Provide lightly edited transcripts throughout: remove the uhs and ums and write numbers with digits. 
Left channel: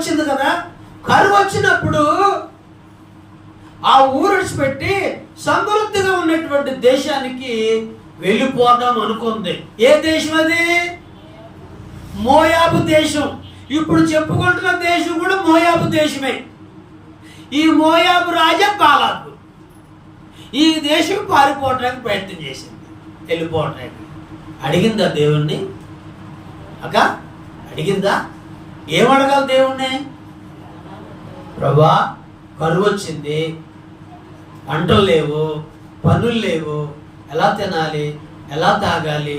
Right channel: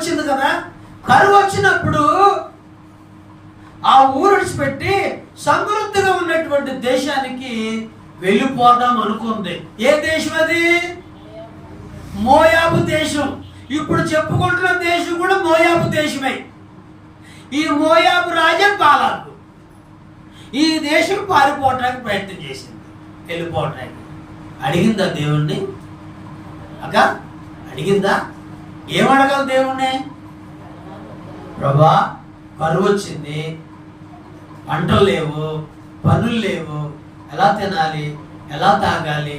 వచ్చింది కదా. కరువు వచ్చినప్పుడు ఆ ఊరు విడిచిపెట్టి సమృద్ధిగా ఉన్నటువంటి దేశానికి వెళ్ళిపోదాం అనుకుంది. ఏ దేశం అది? మోయాబు దేశం. ఇప్పుడు చెప్పుకుంటున్న దేశం కూడా మోయాబు దేశమే. ఈ మోయాబు రాజా బాలాకు ఈ దేశం పారిపోవటానికి ప్రయత్నం చేసింది, వెళ్ళిపోవటానికి. అడిగిందా దేవుణ్ణి? అడిగిందా? ఏమడగాలి దేవుణ్ణి? ప్రభువా, కరువు వచ్చింది, పంటలు లేవు, పనులు లేవు, ఎలా తినాలి, ఎలా తాగాలి,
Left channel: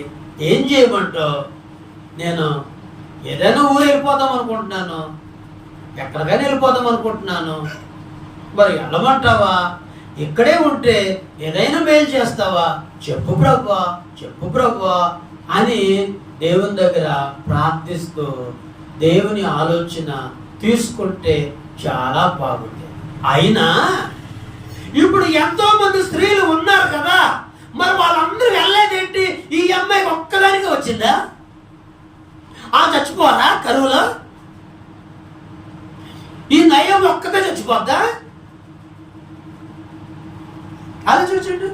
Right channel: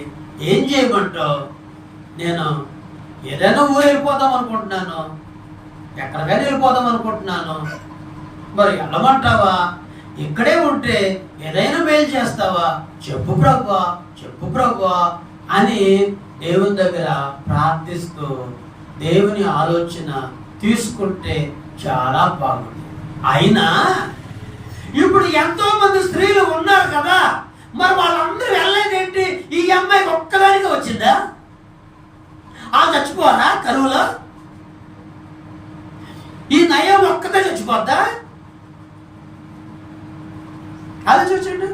ఏం చేయమంటావు? నేను ఏదైనా ఊరు వెళ్ళిపోదాం అనుకుంటున్నాను, ఎక్కడికైనా వెళ్ళిపోదాం అనుకుంటున్నాను, మరి వెళ్ళమంటావా? ఇక్కడే ఉంటే ఏదైనా మేలు చేస్తావా? చెప్పు ప్రభువా, చెప్పు ప్రభువా అని దేవుని దగ్గర ప్రార్థిస్తూ దేవుని ఆలోచన తీసుకుంటే చాలా బాగుంది. అయినా ఇప్పుడు ఎంతో మంది స్త్రీలు ఉన్నారు కదా, మరి వాళ్ళందరూ వెళ్ళలేదేంటి? ఈ అమ్మాయికి ఒక్కదానికి వచ్చిందా? వాళ్ళు చచ్చిపోరా కరువులో? ఈ నయం ఒక్కతే చచ్చిపోద్దా? ఆలోచించండి.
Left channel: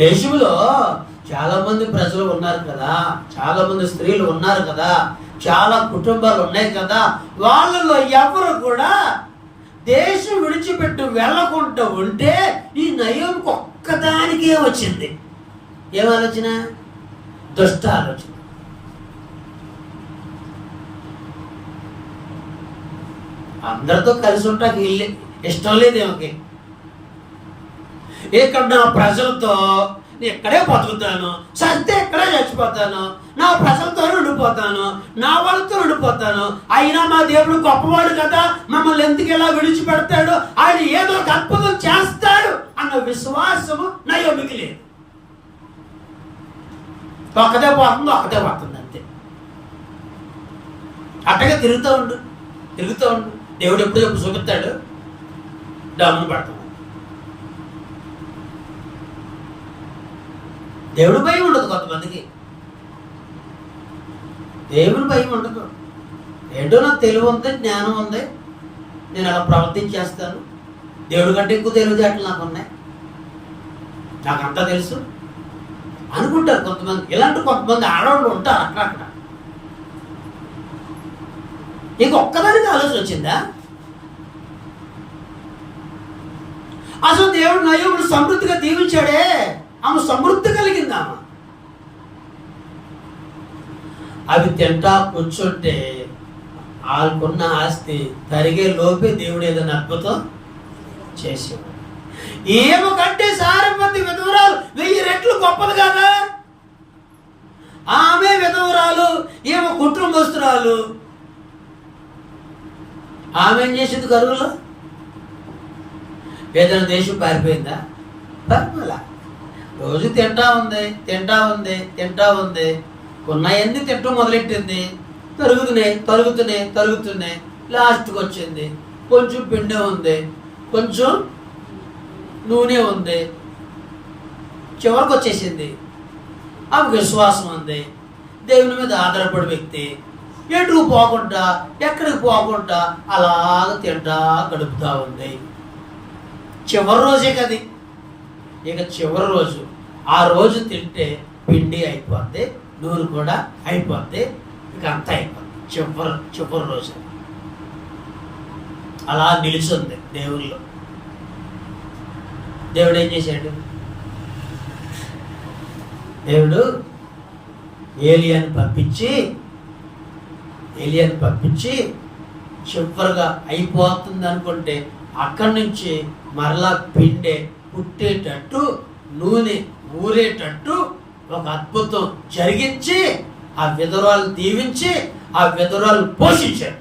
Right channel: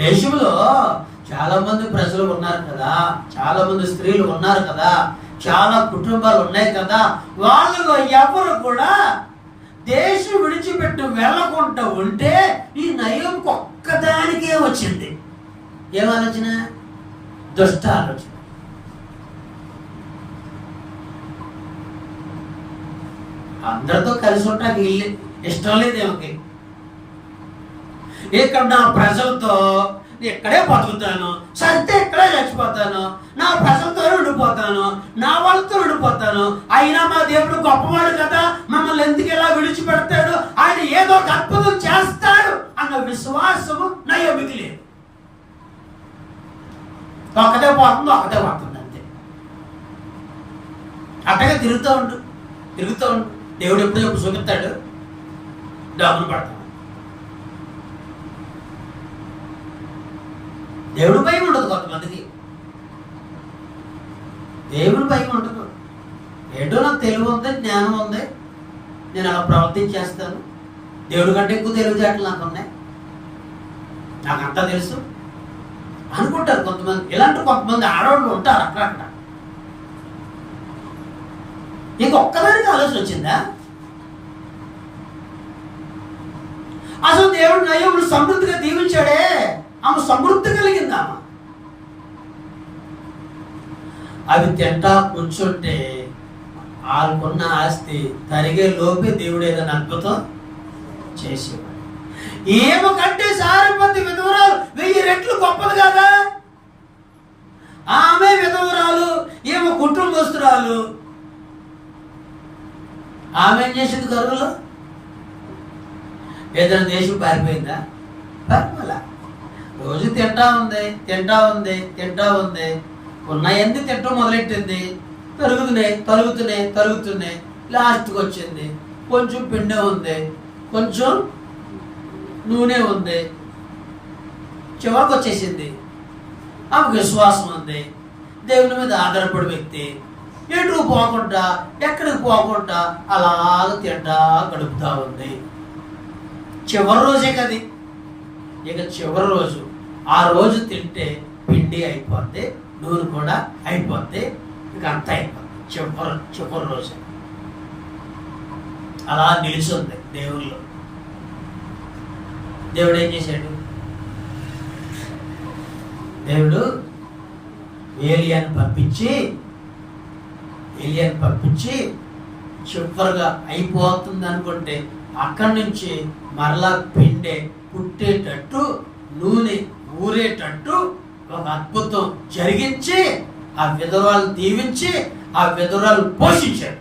దేశంలో చాలా మంది ప్రజలు ఉన్నారు కదా, చాలా మంది స్త్రీలు ఉన్నారు కదా, చాలా కుటుంబాలు ఉన్నాయి కదా, వాళ్ళలో ఎవరు కూడా దేశం విడిచిపెట్టి వెళ్ళకుండా ఉంటే ఈ నయోమికి ఒక్కదానికే వచ్చింది. ఏమాలోచన? దుష్ట ఆలోచన. అందరితో కలిసి ఉంటాకి ఇష్టం లేదేమకి. ఇక్కడ నా ప్రజలతో ఇక్కడే బతుకుతాను, సరితే ఇక్కడే చచ్చిపోతాను, నా ప్రజలతో ఉండిపోతాను, నా వాళ్ళతో ఉండిపోతాను, అయినా మా దేవుడు గొప్పవాడు కదా, మమ్మల్ని ఎందుకు ఇలా విడిచిపెడతాడు, ఆయన ఏదో ఒక అద్భుతం చేస్తాడు అన్న విశ్వాసము నయోమికి లేదు. ఒక్కదే పోతుంది అంతే. అట్టగా తిరుగుతూ ఉండు. దేవుడు ఎప్పుడు చెప్పు చూపిస్తాడు, డబ్బులు పడతాడు. దేవుడి భయం ఉండదు కొంతమందికి, దేవుని భయం ఉండదు. ఏంటో నాకు తెలివి ఉంది, జ్ఞానం ఉంది, నేను అలా ప్రవర్తించేస్తాను, దేవుడి కంటే ఎక్కువ తెలివితేటలు నాకు ఉన్నాయి, నాకంతా తెలుసు అనుకుంటారు కొంతమంది. ఇలాంటి కొంతమంది ఆడవాళ్ళు ఉంటారు అక్కడక్కడ. ఇంకొక్కదానికి ఆలోచన వచ్చిందా? అసలు దేవుడు నయోమును సమృద్ధిగా దీవించాడే, ఆమె సమృద్ధి కలిగిందా? అవి తింటా కూర్చుంటే వాళ్ళకున్న ఆస్తి తరిగే లోపే దేవుడు ఏదైనా అద్భుతం చేసేవాడు. ఏమో కంటే సారపతి విధవరాలు 1000 రెట్లు గొప్పది కదా. ఆమె విధవరాలు, ఏమో కుటుంబస్తురాలు. ఆమె ఏం చేసింది కరువులో? ఏదైనా దేశం పారిపోయిందా? పారిపోలా. రోజు తింటా ఉంది, ఉన్నాయన్నీ తింటం మొదలెట్టింది. తరుగుతున్నాయి, లాస్ట్కి వచ్చింది. కొంచెం పిండి ఉంది, కొంచెం నూనె ఉంది, చివరికి వచ్చేసింది. ఆమెకు విశ్వాసం ఉంది, దేవుని మీద ఆధారపడే వ్యక్తి. ఎటు పోకుండా, ఎక్కడికి పోకుండా అలాగ తింటా గడుపుతూ ఉంది. చివరి రోజే కది. ఇక చివరి రోజు, ఆ రోజు తింటే పిండి అయిపోద్ది, నూనె కూడా అయిపోద్ది, ఇక అంతా అయిపోద్ది. చివరి రోజు అలా నిలిచింది దేవుళ్ళు. దేవుడు ఏం చేశాడు? దేవుడు ఏలియాని పంపించి చివరిగా అయిపోతుంది అనుకుంటే అక్కడి నుంచి మరలా పిండే పుట్టేటట్టు, నూనె ఊరేటట్టు ఒక అద్భుతం జరిగించి ఆ విధవరాలను దీవించి ఆ విధవరాలను పోషించాడు.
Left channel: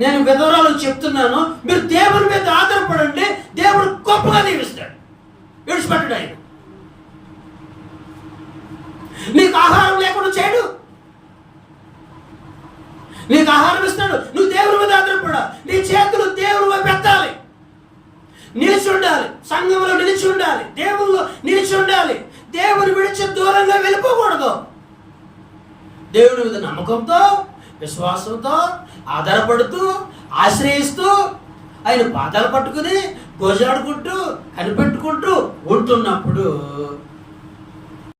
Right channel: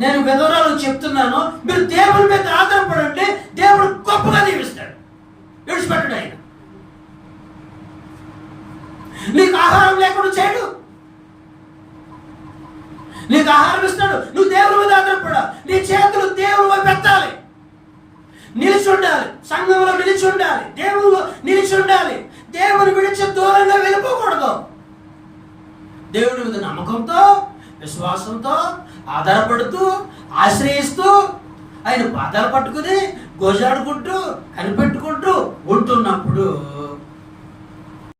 నేను విధవరాలకు చెప్తున్నాను, మీరు దేవుని మీద ఆధారపడండి, దేవుడు గొప్పగా దీవిస్తాడు, విడిచిపెట్టడు ఆయన. నీకు ఆహారం లేకుండా చేయడు, నీకు ఆహారం ఇస్తాడు. నువ్వు దేవుని మీద ఆధారపడ, నీ చేతులు దేవుని వైపు ఎత్తాలి, నిలిచి ఉండాలి, సంఘంలో నిలిచి ఉండాలి, దేవుళ్ళు నిలిచి ఉండాలి. దేవుని విడిచి దూరంగా వెళ్ళిపోకూడదు. దేవుడి మీద నమ్మకంతో, విశ్వాసంతో ఆధారపడుతూ ఆశ్రయిస్తూ ఆయన పాదాలు పట్టుకుని గోజాడుకుంటూ కనిపెట్టుకుంటూ ఉంటున్నప్పుడు